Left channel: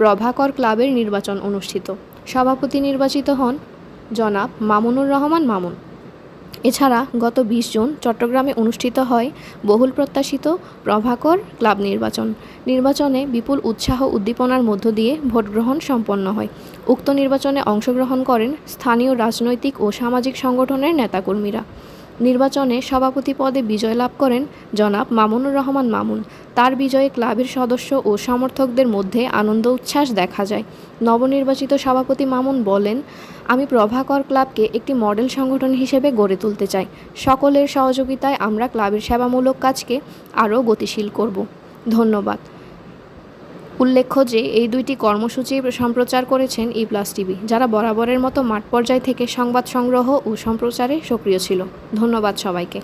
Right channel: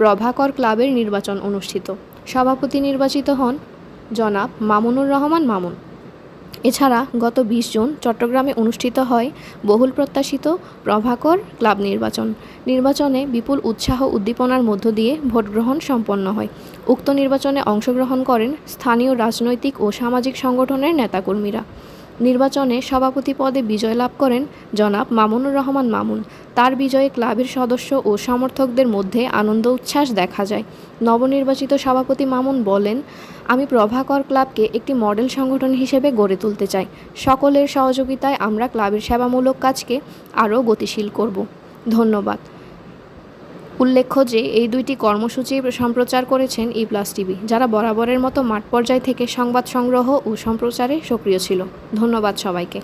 প্রভাকর ক্লাবের নির্বাচন অনুষ্ঠিত। সভাপতি নির্বাচিত হন জনাব মামুনুর রহমান মামুন। এছাড়া গত বিশ জুন চট্টগ্রামে অনুষ্ঠিত হয় বহুল প্রত্যাশিত প্রভাকর ক্লাব নির্বাচন। নির্বাচনে বিপুল উৎসাহ উদ্দীপনার মধ্য দিয়ে ভোটগ্রহণ সম্পন্ন হয়। উক্ত নির্বাচনে অংশগ্রহণ করেন স্থানীয় রাজনৈতিক ও সামাজিক সংগঠনের নেতাকর্মীরা। নির্বাচনে সভাপতি পদে বিজয় লাভ করেন জনাব মামুনুর রহমান মামুন। তার বিজয়ে ক্লাবের সদস্য ও সমর্থকদের মধ্যে আনন্দ উচ্ছ্বাস দেখা যায়। নবনির্বাচিত সভাপতি মামুন বলেন, আমি প্রভাকর ক্লাবকে একটি মডেল সংগঠন হিসেবে গড়ে তুলতে চাই। সকলের সহযোগিতায় আমরা ক্লাবের সেবামূলক কাজকে আরও গতিশীল করব। ধন্যবাদ। উল্লেখ্য যে, এই দুইটি কর্মসূচি সম্প্রচার করেছেন ই প্লাস টিভি, যারা বরাবরের মতো মাঠ পর্যায় থেকে সংবাদ সংগ্রহ ও সম্প্রচারে সক্রিয় ছিল। ধন্যবাদ সবাইকে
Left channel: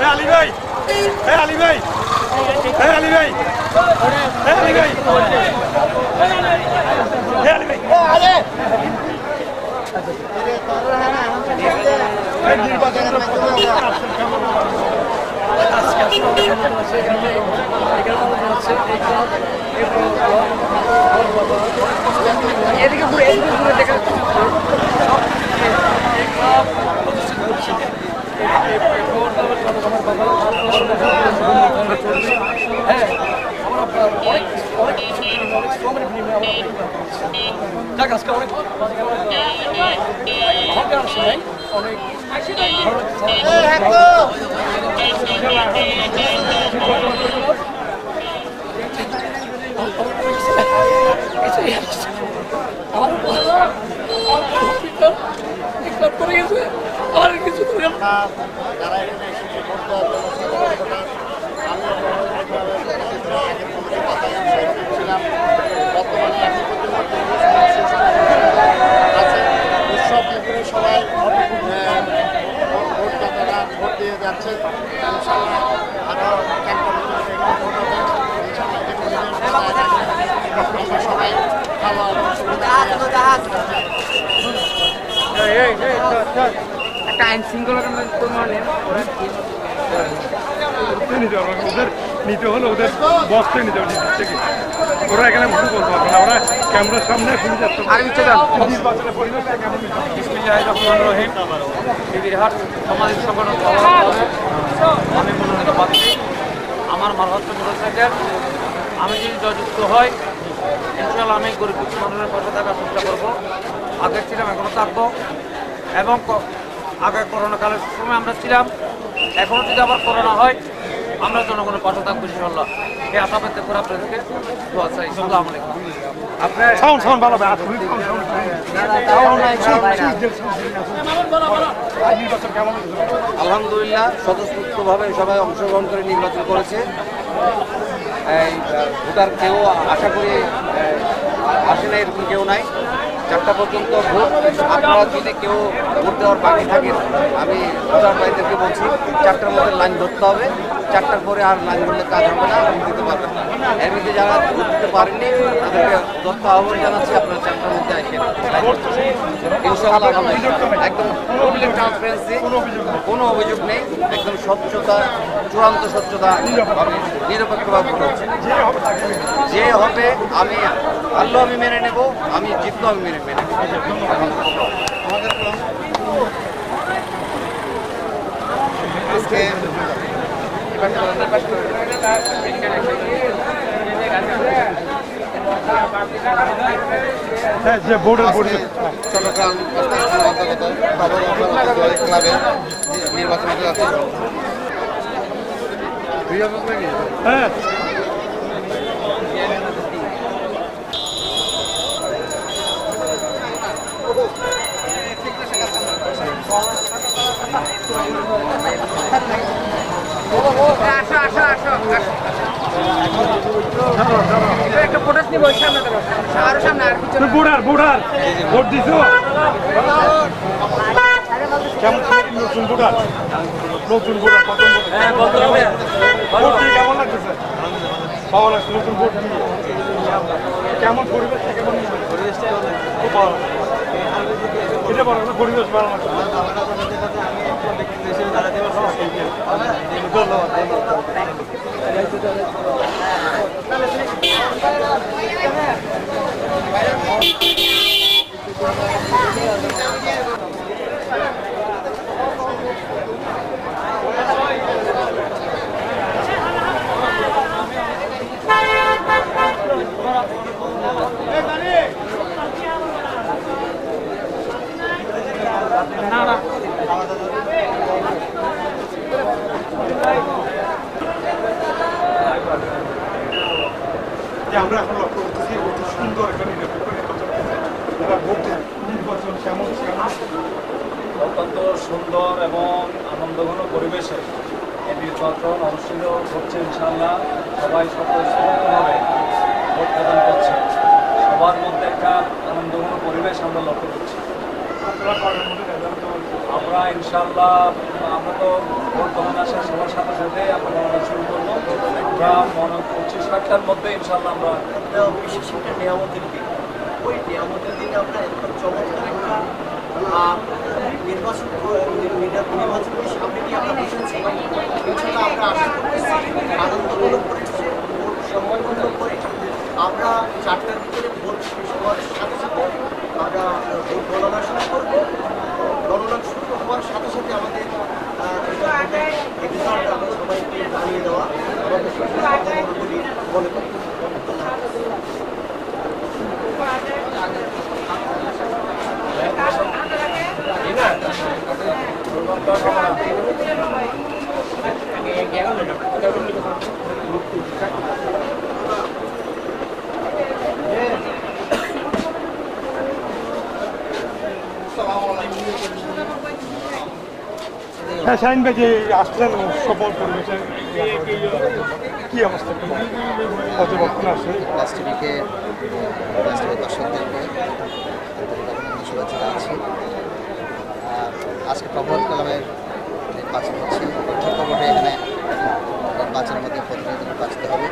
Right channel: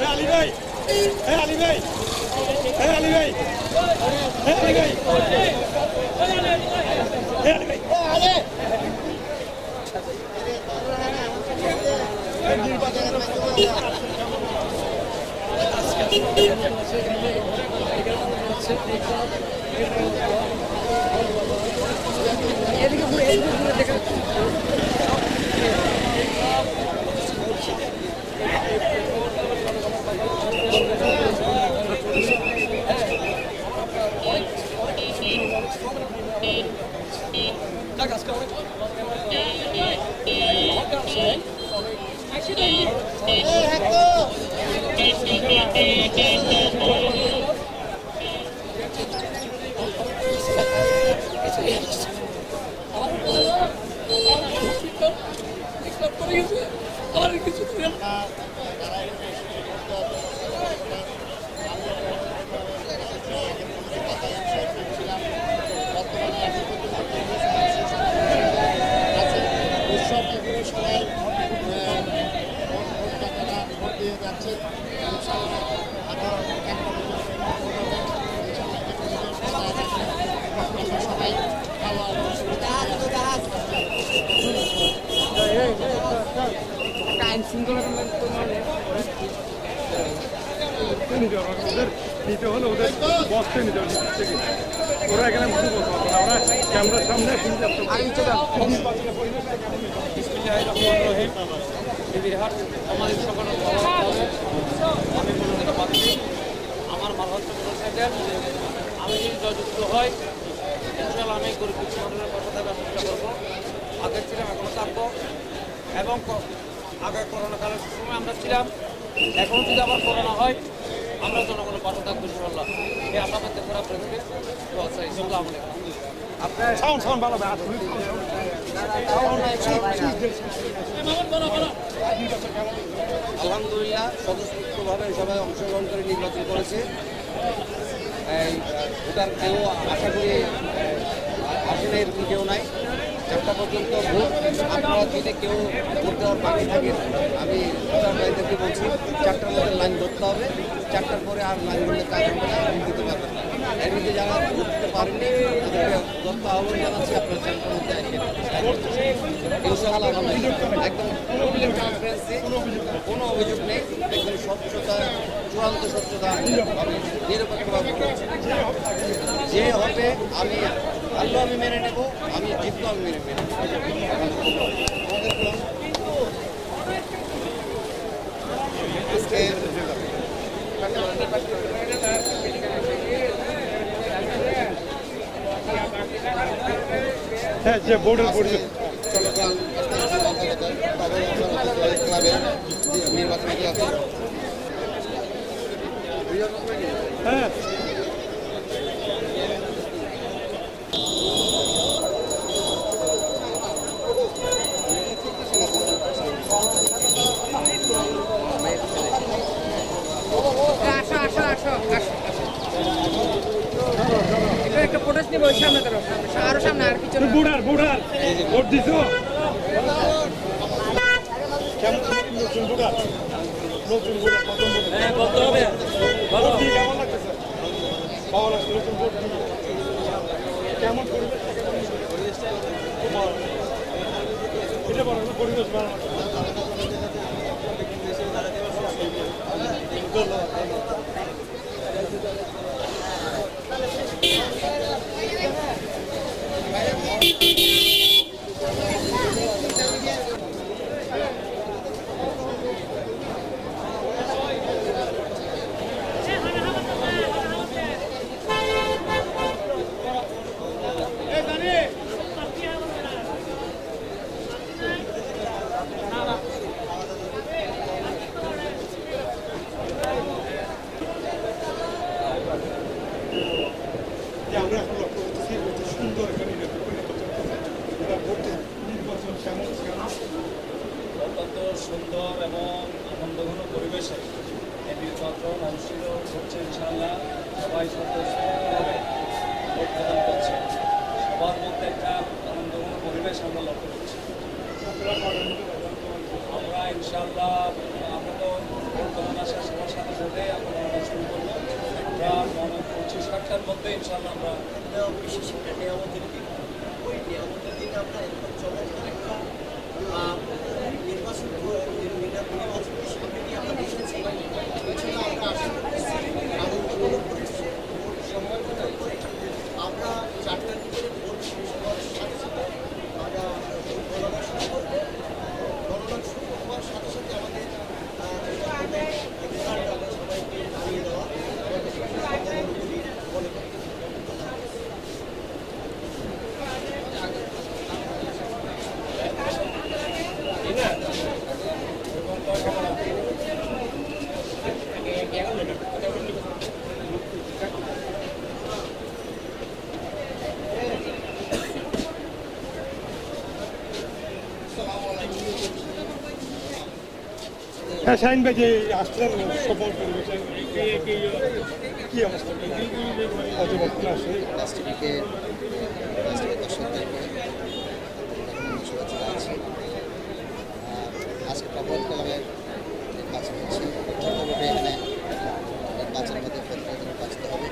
হ্যাঁ আলী ভাই হ্যাঁ আলী ভাই হ্যাঁ আলী ভাই হ্যাঁ ঘুরে এদিকে ঘুরে আলী উৎসব মুখে সবাই আহ, ভোটদাতারা ভোট দিয়ে যাচ্ছেন ইনশাআল্লাহ আরও একটা বছর এরকম ভোট হবে। ইনশাআল্লাহ বিপুল বিজয় সবাই ভালো একটা আইন নিতে হবে ওদের নিতে হলে ওদের বক্সে নিতে হবে থেকে ওরা এখানে ভুল করব ওরা ক্যামেরার সামনে শুনে যাচ্ছে সংগঠন সভাপতি আমি মনোনীত প্রার্থী আমার মাল হচ্ছে মোটরসাইকেল আমি যদি জয়যুক্ত হই ইনশাল্লাহ আমি গরিব দুঃখী মানুষের পাশে থাকার চেষ্টা করব। আগে ছিলাম এখনও থাকব। এবং আগে করোনা কালের সময় আমরা ছিলাম। এখনও যদি আবার করোনা হয় আমরা জনগণের পাশে থাকব ইনশাল্লাহ এই আশা পেতে করে আপনাদেরকে দোয়া চাই। আসসালামু আলাইকুম। সাউন্ড সাউন্ড ভালো আসলে আলহামদুলিল্লাহ স্বতঃস্ফূর্তভাবে সবাই অংশগ্রহণ করে নির্বাচন করেছে। এই ভোটার কেউ আশা করি আহ, আসে না এরকম কেউ নাই। চারটা পর্যন্ত ভোট আপনারা যদি কেউ ভোট দেওয়ার বাকি থাকেন আমি ভোটার ভাইদেরকে বলছি, চারটার মধ্যে লাইন ধরতে হবে চারটার পরে আর লাইন ধরলে কাজ হবে না ভোট দিতে। এর মধ্যে যারা ভোট দিতে পারেননি, তাদেরকে দত্ত আহ্বান জানাচ্ছি, আপনারা চারটার মধ্যে আসেন। একদম ট্রান্সপারেন্সি কোনো অভিযোগ নেই, একদম স্বচ্ছতা, চূড়ান্ত স্বচ্ছতা নিরপেক্ষভাবে ভোট হচ্ছে যে হবে, আমি আল্লাহ আমি মেনে নেব, আমি জিতলো আমি মেনে হ্যাঁ যে বোর্ডের বোর্ডে চট্টগ্রাম অন্তর্গত বাবর নির্বাচন হ্যাঁ আসো আসো আসো আসো এবার একটা ফোটাস নিবো ওই সামনে দাঁড়াও সামনে আরও সামনে আর পিছনে বুড়ার বুড়ার ভোট দিছো? কেমন নতুন বুড়ার নতুন আর প্রথম ভোট। হ্যাঁ বলতে হবে। দিয়ে কেমন লাগতেছে? লাগছে নতুন ভোট দিয়ে। কেমন পরিবেশ কেমন পরিবেশটা খুব ভালো। এটা বলো না পরিবেশ ভালো লাগছে। Nada. যে আমরা এখন লক্ষ্য করতেছি অতি সুন্দর একটা নির্বাচন এবার ভোট নির্বাচন কেমন অত্যন্ত সুন্দর এবং আনন্দঘন পরিবেশে এই নির্বাচন অনুষ্ঠিত হচ্ছে ইনশাল্লাহ সবাই স্বতঃস্ফূর্তভাবে ভোট প্রদান করছে। সবার মধ্যে একটা আনন্দঘন পরিবেশ আমরা লক্ষ্য করছি। আপনারা আমরা ইনশাল্লাহ আমরা তো ভোট গণনা শেষ সাথে সাথে আমরা শুরু করব। আমরা মনে করছি সাতটার মধ্যে ইনশাল্লাহ আমরা বিশেষ একটা নিয়ামতের দিন। ওই নিয়ামতের দিনে আমরা এরকম চমৎকার একটা সামনে আমরা আমরা আশা আমরা চারটার ভিতরে ভোট শেষ হওয়ার সাথে সাথে আমরা ভোট গণনা শুরু করব গণনা শুরু হওয়ার সাথে সাথে আমাদের আহ, যেটা ভোটের রেজাল্ট আমরা সবাইকে জানিয়ে দেওয়া আমাদের মনে করি মনে করি হ্যাঁ শাহিন ভাই যে আসছেন সফল পরিবেশে কি অবস্থা? দর্শকদেরকে অভিনন্দন শুভেচ্ছা আছি আজকে প্রভাত কলামের নির্বাচন হচ্ছে। প্রত্যক্ষ ভোটে এখানে নির্বাচনের মধ্যে প্রতিনিধি বাঁচতে হবে।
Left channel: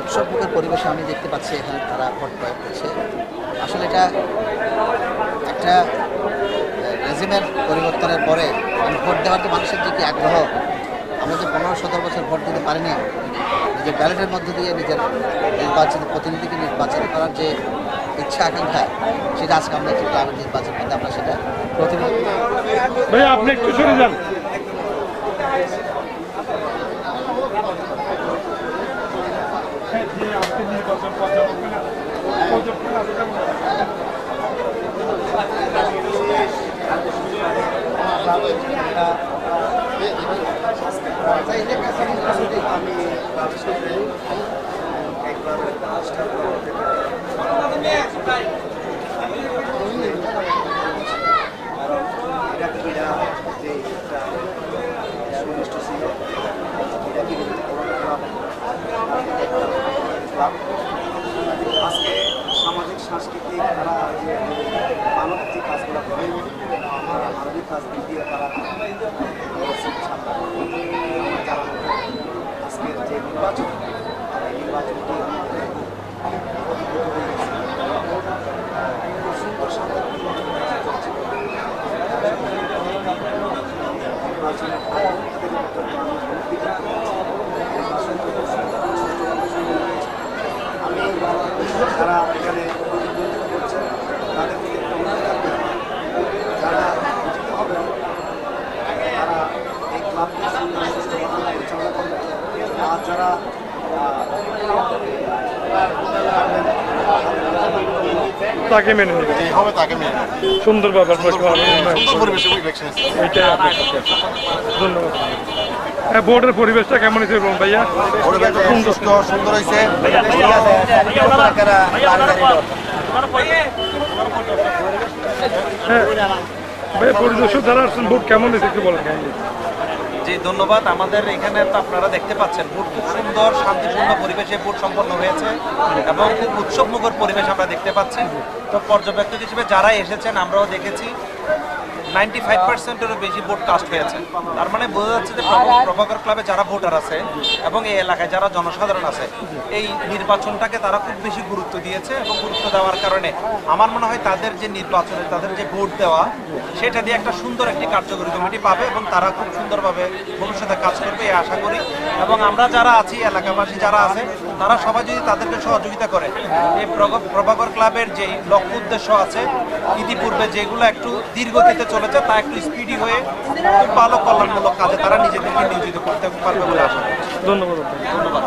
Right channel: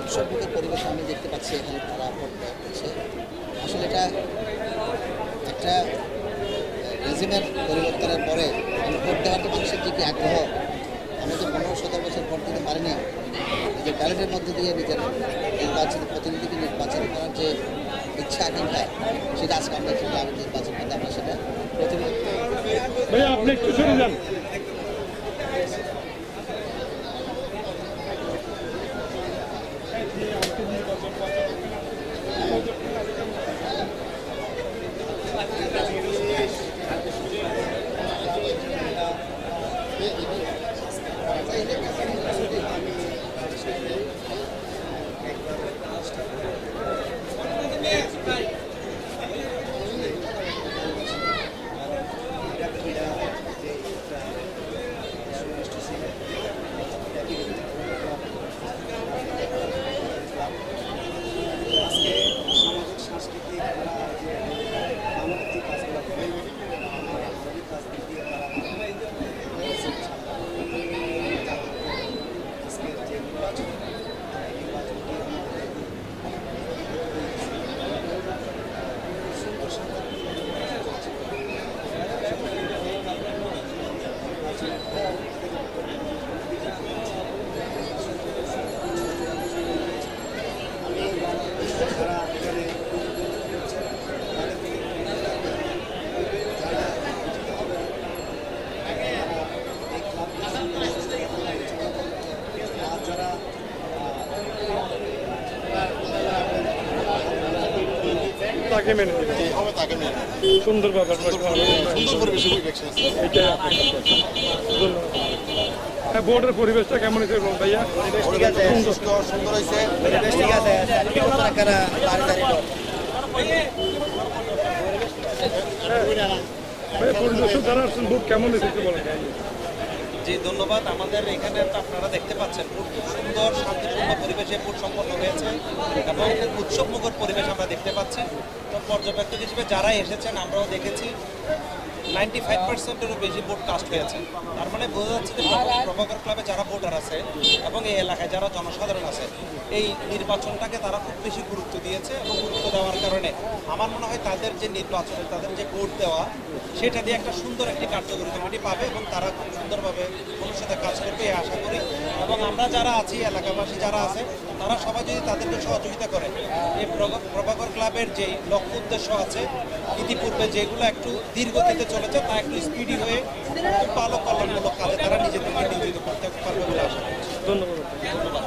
উৎসবমুখের পরিবেশে আমি দেখতে পাচ্ছি এখানে তারা ভোট প্রয়োগ করছে। আসলে এটা একটা রেজিমের পরিবর্তনের পরে মানে ভোট দেওয়ার যে মানুষের যে কি আগ্রহ, আমরা যে পনেরো সতেরো বছর ভোট দিতে পারিনি, নিজের ব্যালটের মধ্যে দিয়ে নিজের নির্বাচিত প্রতিনিধিকে নির্বাচিত করার যে ইচ্ছা আকাঙ্ক্ষা, সেটা আজকে আমরা একটি গ্রামের নির্বাচন মধ্যে আমরা সেটা প্রতিনিধি আপনি একটু সরে যান হ্যাঁ, যে আজকে নির্বাচন পর্যবেক্ষণ পর্যবেক্ষণ আসছে আজকে সামাজিক সাংস্কৃতিক তারা যে মানবিক যে কাজগুলো করে আমার মানবিক কাজ দিক দিয়ে তারা করেছে ইনশাআল্লাহ। আজকের যে নির্বাচন এই নির্বাচনটি আমাদের খুব সুন্দর শান্তিপূর্ণ নির্বাচন চলছে। নির্বাচনের আগে থেকে নির্বাচন খুব সুন্দর আমি যারা এখানে প্রতিদ্বন্দ্বিতা করছেন তাদের থেকে একটু অনুরোধ রাখবেন। যারা বিজয়ী হবেন তারা এই ক্লাবকে সুন্দরভাবে পরিচালনা করবেন আর যারা তাকে মেনে নেবে। যে হবে তাকে মেনে সুন্দর আপনার সুন্দর পরিবেশে ইলেকশন এইটাই আপনার ধন্যবাদ। বোর্ডের ভোটের পরিবেশটা কেমন হয়েছে বলুন ভাইয়া? সুন্দর। সুন্দর হয়েছে। ভাইয়া জি, ধন্যবাদ। আমাদের এখানে তো আপনারা দেখতে পাচ্ছেন, ভোট খুব সুন্দর, শান্তিপূর্ণ পরিবেশে ভোট সম্পন্ন হয়েছে এবং খুব উৎসবমুখর পরিবেশ আমরা দেখতে পাচ্ছি। তো পর্যবেক্ষক হিসেবে যারা এসেছেন, আমরাও দেখেছি। নাইনটি ফাইভ পার্সেন্টেরও বেশি ভোট কাস্ট হয়েছে। তার মানে বোঝা যাচ্ছে যে প্রভা- প্রভাকর ক্লাবে যারা ভোটার আছে এবং এই এলাকায় যারা জনসাধারণ আছে, এই নির্বাচনটাকে তারা খুব বেশি গুরুত্ব দিয়েছে এবং গুরুত্ব দেওয়ার কারণে আমার মনে হয় তাদের যে নির্বাচনে তাদের যে ভোট দেওয়া, সেটা দিয়ে একটা সুন্দর একটি কার্যকরী কমিটি পাবে এবং তারা খুব সুন্দরভাবে ভবিষ্যতে কাজ করবে, এই আশা করি। এবং আমরা যারা আছি, এলাকাবাসী যারা আছে তারা সবাই যদি তাদেরকে সহযোগিতা করে। এই প্রভাকর ক্লাবের যেই লক্ষ্য উদ্দেশ্য আছে ইতিপূর্বে যেগুলো একটু ধীরগতিতে চলেছে তা একটু স্পিডি হয়ে খুব ভালো কল্যাণমূলক কাজে তারা নিজেদেরকে নিয়োজিত করতে পারবে বলে আশা করি ধন্যবাদ। ধন্যবাদ।